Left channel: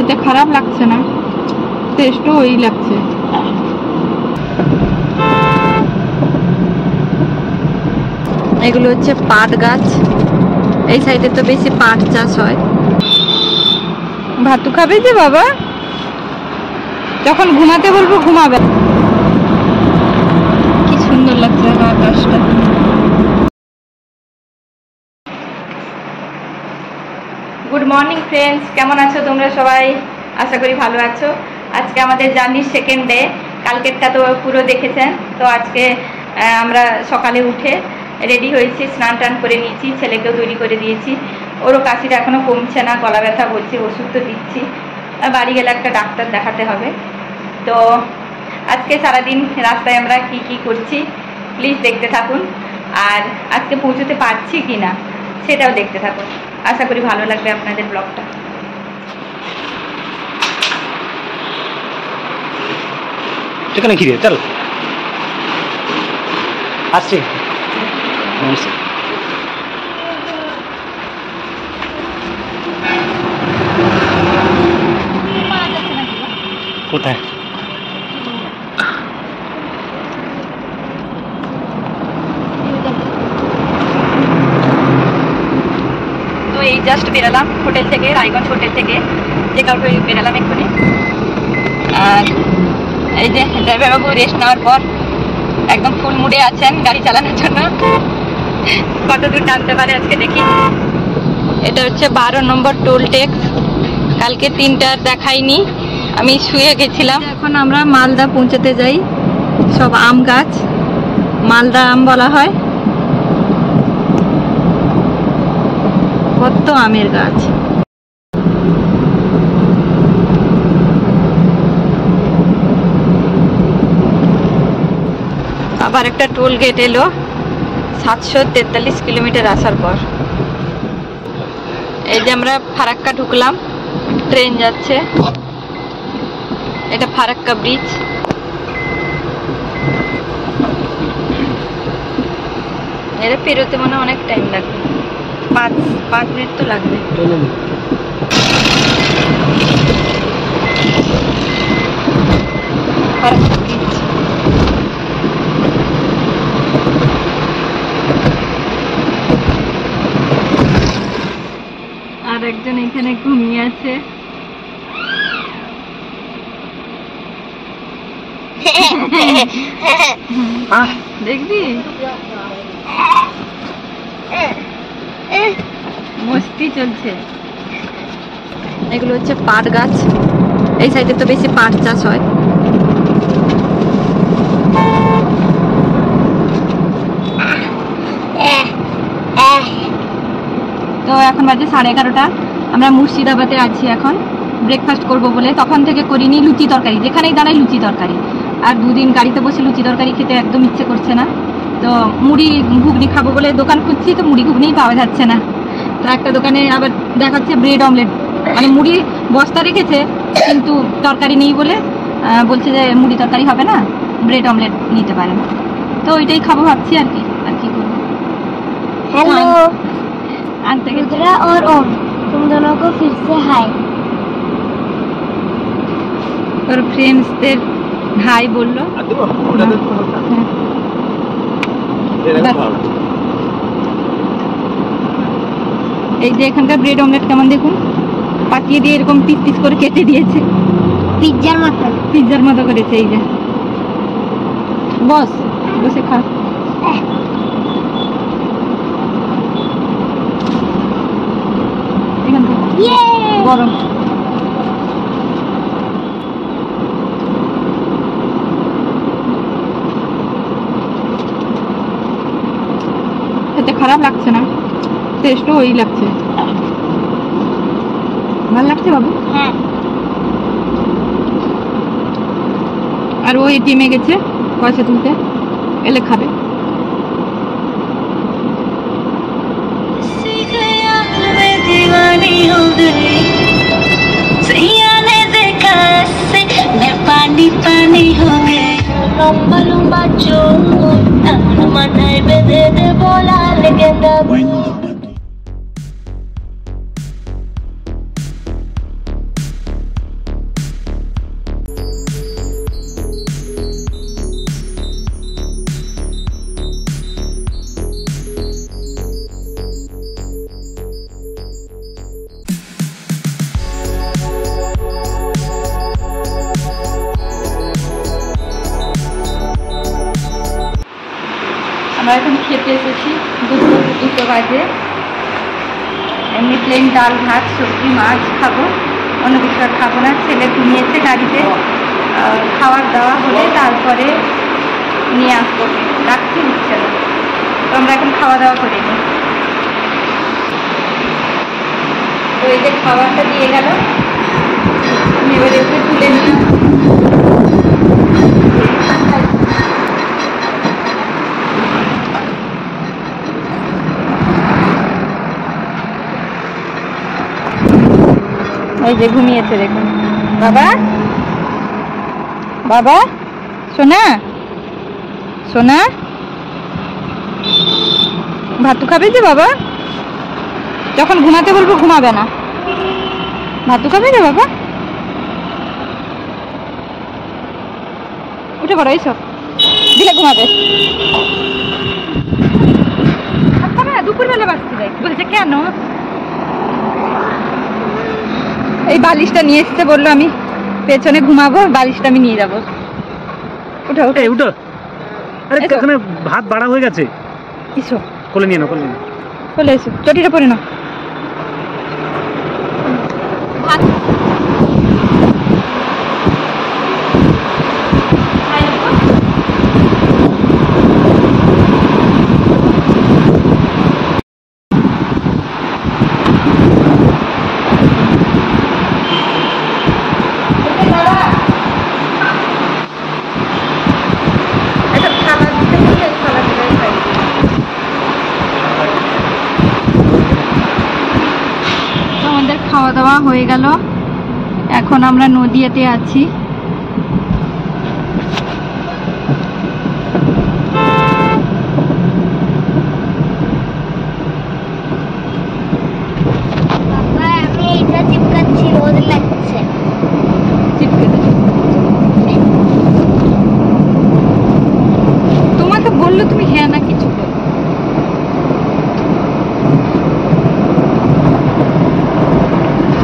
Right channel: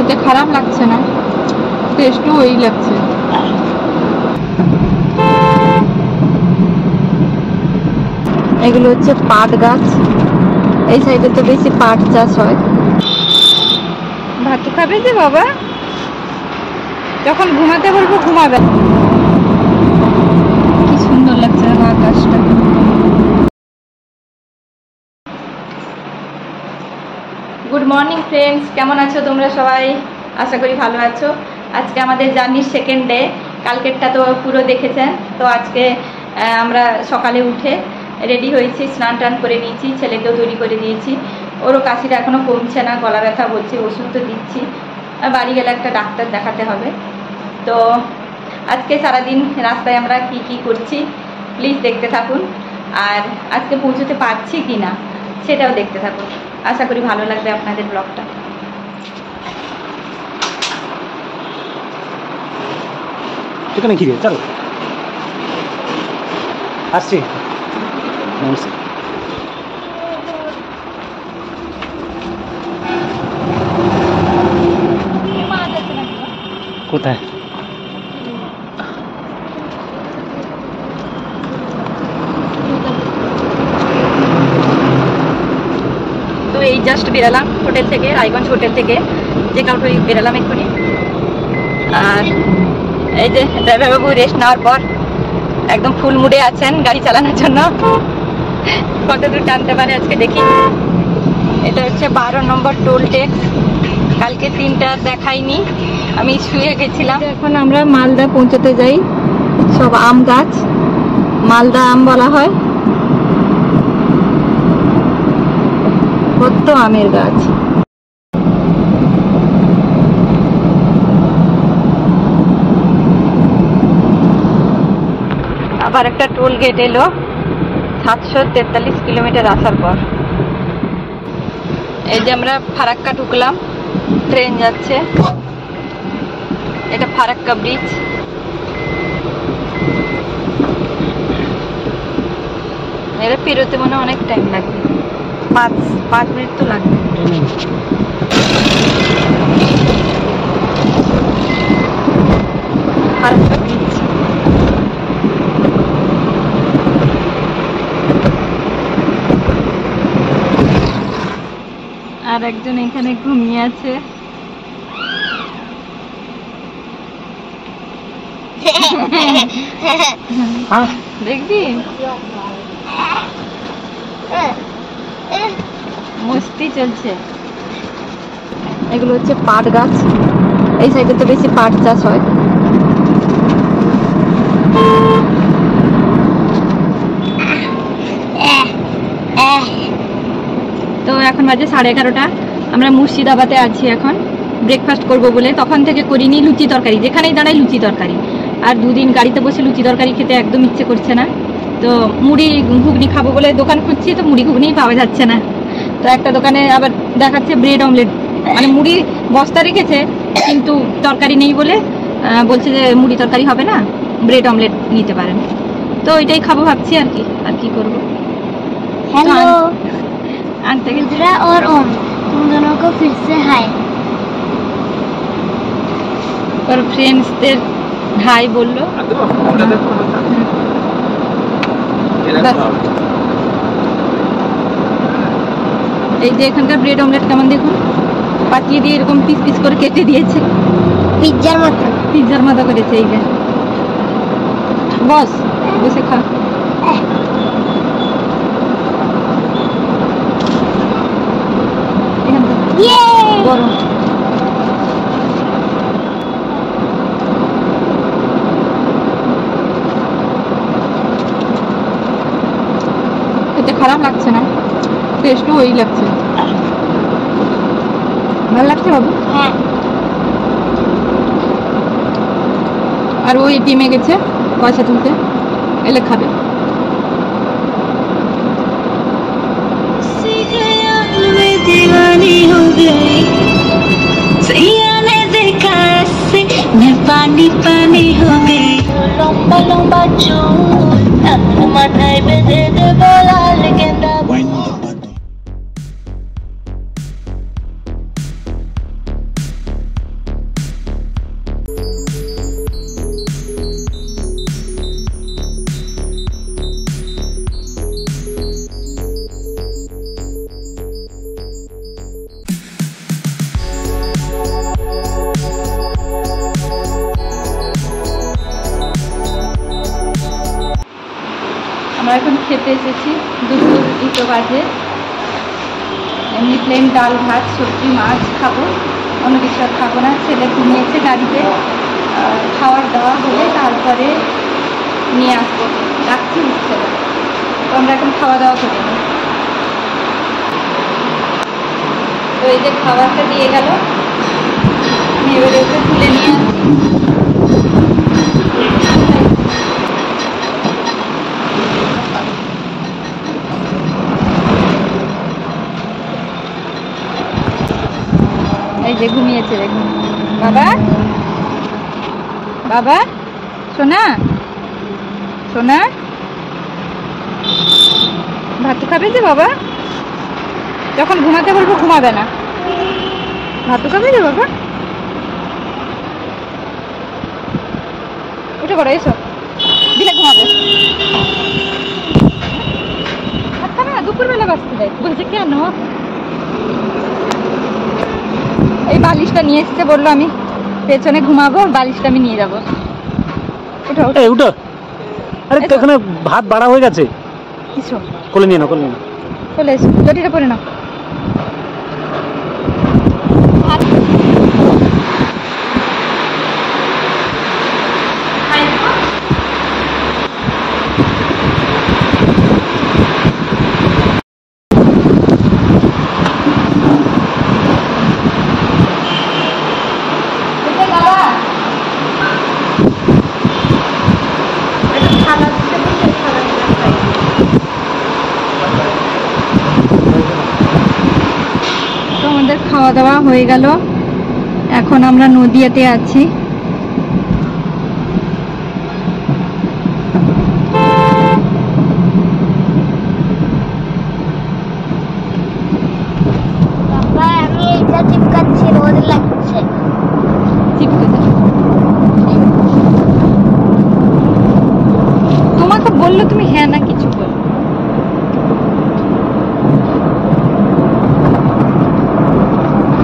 খেতে খারাপ লাগছে না, টেস্টও ওই লাগছে। এগুলো হচ্ছে পাট গাছ, এই সাইডে তো বেশি পাট চাষ হয়। ভাতু খাবে যে বাবা, যখন ঘুমাতে বলবো ঘুমাবে। কি সুন্দর লাগছে আমার আকাশটা। গুড মর্নিং ফ্রেন্ডস, কেমন আছো তোমরা সবাই? আশা করি ভালো আছো। আজকে আমাদের জার্নির সেকেন্ড ডে। কালকেরটা তো পুরো দেখেছেন। তো আজকে আমরা সকালে উঠে রেডি হয়েছি, স্নান টান করে নিয়েছি, ছেলেকেও তৈরি করে দিয়েছি। ওরও কাশিটা এখনও কমছে না, গলা ব্যথা বলছে, ওষুধ তো দিচ্ছি। বাড়ি গেলে একটা ডাক্তার দেখাতে হবে। তো আজকে সারাদিন রাস্তায় আমরা কি কি করছি প্লিজ দেখতে থাকুন। আর আজকে পৌঁছতে পারছি কি না সেটাও দেখতে থাকুন। আশা করি ভালো লাগবে আপনাদের ব্লগটা। এখানে ঘিরে চল আসছি। কোথায়? তো এই জাস্ট বেরালাম হোটেল থেকে, রায়গঞ্জ হোটেল থেকে চেক আউট হয়ে বেরালাম এক্ষুনি। আর এই যে ড্রাইভার বাবু রেস্ট নেওয়ার পর একদম ফুল মুডে আছেন গাড়ি চালানোর জন্য। কত দূর টানতে পারে আজকে দেখি। এটা হচ্ছে 12 নম্বর টোল ট্যাক্স। কালকে 3টা দেখাইনি, আমি শুয়ে গেছিলাম। এখন আমরা মালদা পৌঁছাতে যাই। সব আম গাছ, মালদা আম বলা হয়। কত আমের গাছ। আবার একটা টোল গেট এলো 743 কিলোমিটার আসার পর। এই যে আমরা ফারাক্কা ঢুকলাম, ট্রেন যাচ্ছে। এটা ফারাক্কা ব্রিজ। এরা পেরোতে মনে অনেক টাইম লাগবে, 5 মিনিট তো লাগবে। ফারাক্কা ব্রিজ। আর একজন এখানে ঘুমিয়ে আছে। দেখবি মস্তি চলছে। এগুলো হচ্ছে পাট গাছ, এই সাইডে তো বেশি পাট চাষ হয়। তো এখন বাজে 11:30। আমরা মুর্শিদাবাদে আছি এখন। ব্রেকফাস্ট করব বলে তখন থেকে করিনি। লুচি তরকারি, যেখানেই দাঁড়াই লুচি তরকারি। আর 2 দিন গাড়িতে বসে লুচি তরকারি খেতে একদম ইচ্ছে করছে না। তো মুড়ি ঘুগনি খাবো বলে দোকান খুঁজছি, তো মুড়ি ঘুগনিই পাওয়া যাচ্ছে না। তো একটা দোকানে আবার দেখাচ্ছে ব্রেড অমলেট, মানে মুড়ি বস্তা রেখেছে কিন্তু তরকারি নেই বলে বলছে যে মুড়ি তরকারি হবে না, ব্রেড অমলেট নিতে পারেন। তো ওইটাই খাবো ভাবছি আর কি করবো। हेलो आंटे रुद्रा और ओम, तुम दोनों को फिर से हाय। और फ्रेंड्सদের হাই বললো। এই যে এখানকার ব্রেড অমলেট কেমন দেখুন, পাতিয়ে দিয়ে এরকম পিস পিস করে কেটে দিয়েছে, পিৎজার মতো করেছে। এই যে বস বসে খা। এখান থেকে গরম। খেতে খারাপ লাগছে না, টেস্টও ওই লাগছে। ভালো লাগছে বাবু? হ্যাঁ। আর ও এটিএমে গেছে পয়সা তুলতে, এলে খাবে। पानी पानी हो गई लंबा लंबा चोर माথায় বেঁধে দেব লাল গেঁদা। আমরা এখন খেতে এসেছি, দুটো বাজে। এমনি প্লেন ডাল ভাত সবজি মাছ খাবো, অন্য কিছু আর খাবো না। ছেলে ঘুমিয়েছে গাড়িতে, খাওয়ার দাওয়া হলে তারপরে নিয়ে আসবো, রাখতে ইচ্ছে না। তো আমরা এখন খাওয়া দাওয়া করে নিই। তো এই যে খাবারটা দিয়ে গেল, এবারে ওকে তুলে নিয়ে এই যে ঘুমিয়েছে দেখুন। বাবা বাবা সোনা সোনা ভাতু খাবে যে বাবা? যখন ঘুমাতে বলবো ঘুমাবে না। ভাতু খাবে না বাবা? উঠে পড়ো, এসো, দিলে ঘুমাবে। খাবে না, দুপুরবেলা বাঁচতে দেয়। বলছে কেন? এই বালিশটা নিয়ে এসছে, বললো আমি পেছনে ঘুমাবো, বালিশটা আমি নিয়ে যাবো। উঠো উঠো উঠো। আরে এখানে ভাত বাড়া হয়ে গেছে। কিছু কোলে নিয়ে নাও, কোলে নিয়ে নাও। চলে এসো, জটিটা পরে নাও। আমাদের খাওয়া দাওয়া হয়ে গেল, এখন আমরা নদিয়াতে আছি। আমি এটা চিপকাচ্ছি, রোদ লাগছে। তোমাকে বললো তুমি হ্যাঁ না কিছু করো।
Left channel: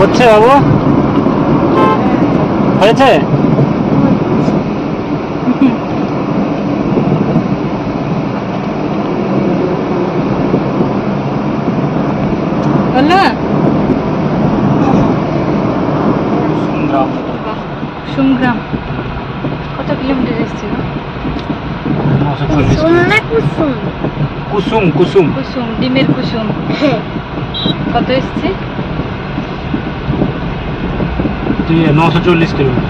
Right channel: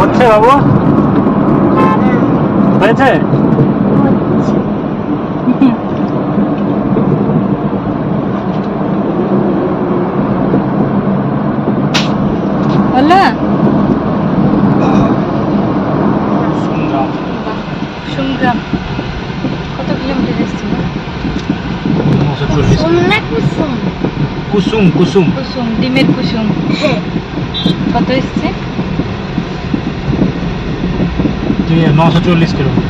হচ্ছে বাবু, হয়েছে? বললা সুমগ্রাম কত কিলোমিটার এসেছিল? কুসুম কুসুম কুসুম, ডিমের কুসুম। কত এসছে? 940 কিলোমিটার।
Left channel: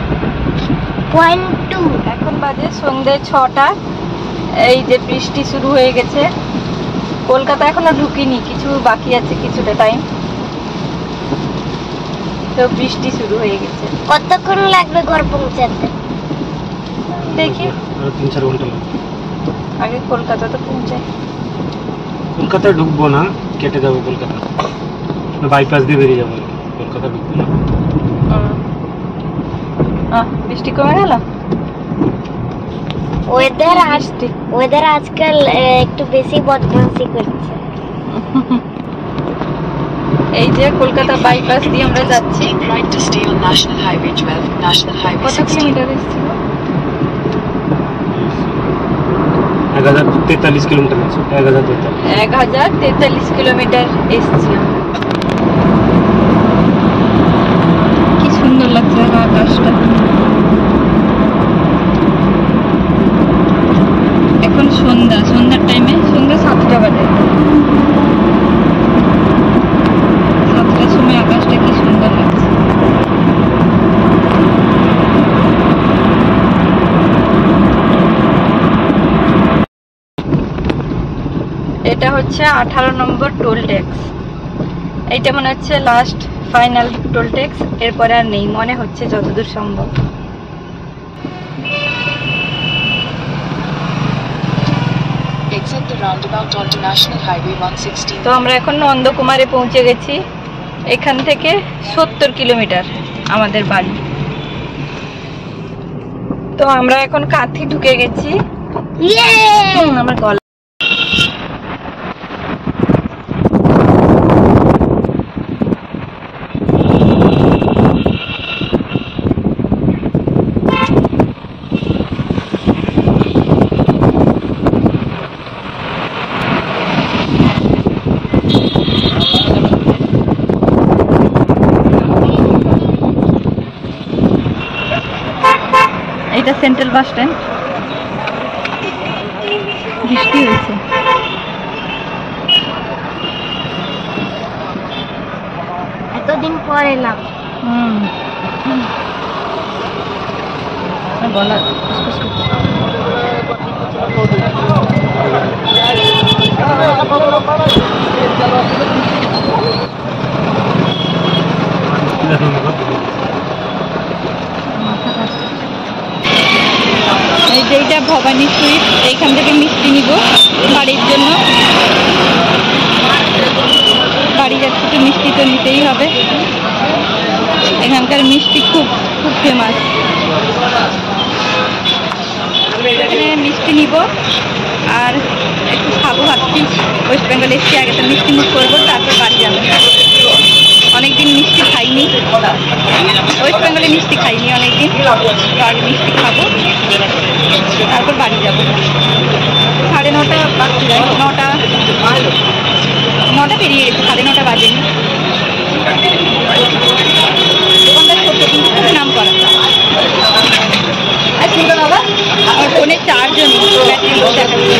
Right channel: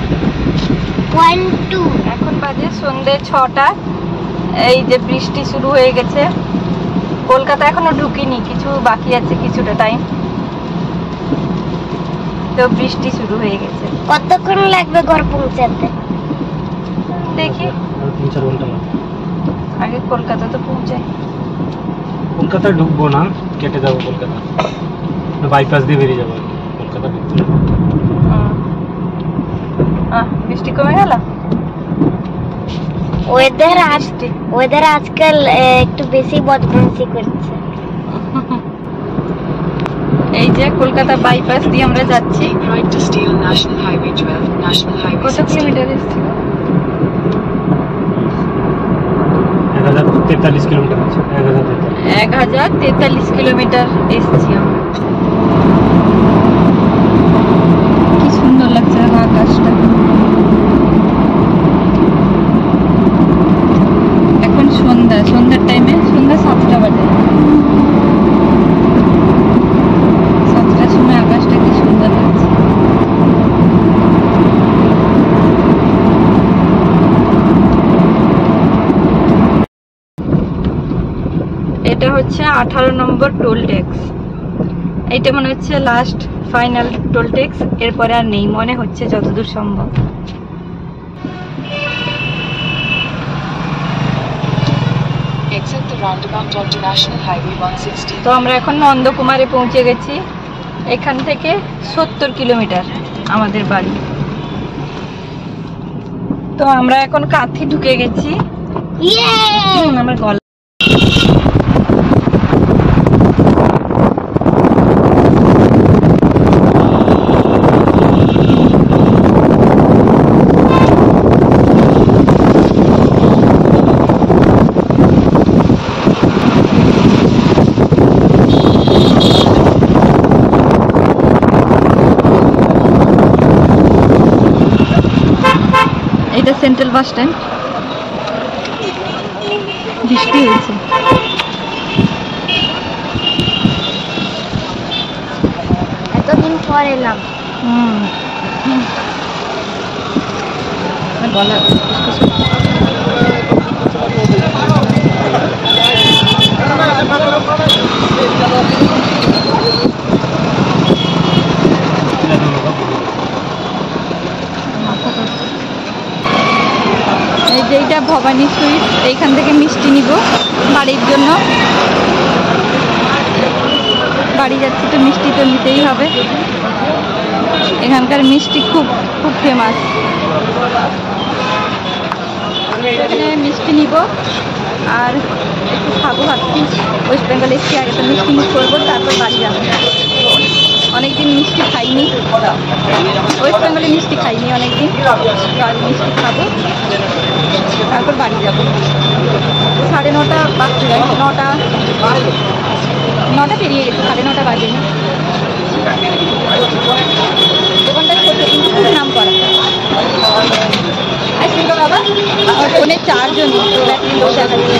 এখন বাজে সন্ধ্যে 6টা। এই যে বৃষ্টি শুরু হয়ে গেছে। কলকাতা এখনো ঢুকিনি, কিছু বাকি আছে, কিছুটা টাইম। তো বৃষ্টি শুরু হয়ে গেছে। কতক্ষণ লাগবে ঘর পৌঁছাতে? দেখি, 3-4 ঘন্টা লাগবে। আগে কলকাতা তো পৌঁছায়। কলকাতায় ঢুকবো না, কেটে যাবো কলকাতা, বাইপাস দিয়ে বেরিয়ে যাবো আর কি, কলকাতা ঢুকবো না। বৃষ্টি কমে গেল। ওয়েদার আজকাল একটু বেশি বদমাশি করছে। এই যে কলকাতা বাইপাস দিয়ে আমরা যাচ্ছি। কত কিলোমিটার এসেছিল? 1043 কিলোমিটার আছে। 1043 কিলোমিটার এসেছি আমরা। কি সুন্দর লাগছে আকাশটা। এখন সন্ধ্যার টাইমে, সন্ধ্যা 7টা বাজে। 7টার সময় আকাশটা কি সুন্দর লাগছে। এটা হচ্ছে 18 নম্বর টোল ট্যাক্স। এইটা মনে হচ্ছে লাস্ট ফাইনাল টোল ট্যাক্স, এরপরে আর নেই মনে হচ্ছে যতদূর সম্ভব। তো আমরা এখন নন্দকুমারে পৌঁছে গেছি। এখান থেকে 70 কিলোমিটার আমাদের বাড়ি। তো আমরা এখন কাঁথি ঢুকে গেছি। আমার গলা এটা সেন্ট্রাল বাস স্ট্যান্ড। বৃষ্টি হয়েছে। এতদিন পর এলাম। গলা এই যে এইটা ভবানী সুইট, এইখান থেকে মিষ্টি নিব বাড়ির জন্য। বাড়ি যাচ্ছি তো মিষ্টি তো নিতেই হবে, এখানকার মিষ্টি খুব খুব ফেমাস। এখানে মিষ্টি নিব আর একটু খাবো ভাবছি। ওয়েস্ট বেঙ্গল এসছি, আগে তো মিষ্টি মুখ করবো, তারপর বাড়ি যাবো। অনেকদিন মিষ্টি খাইনি, ওয়েস্ট বেঙ্গলে মিষ্টি খাইনি অনেকদিন, তো আগে মিষ্টি খাবো তারপর বাড়ি যাবো। 9:30 বাজতে যায়, 9টা পেরিয়ে গেছে, 9:30 বাজেনি। দোকানটা ছোট কিন্তু খুব নাম করা। আর শুনতো বাবা, আমার ফোনে চার্জও নেই, তো ব্যাটারি লো দেখাচ্ছে।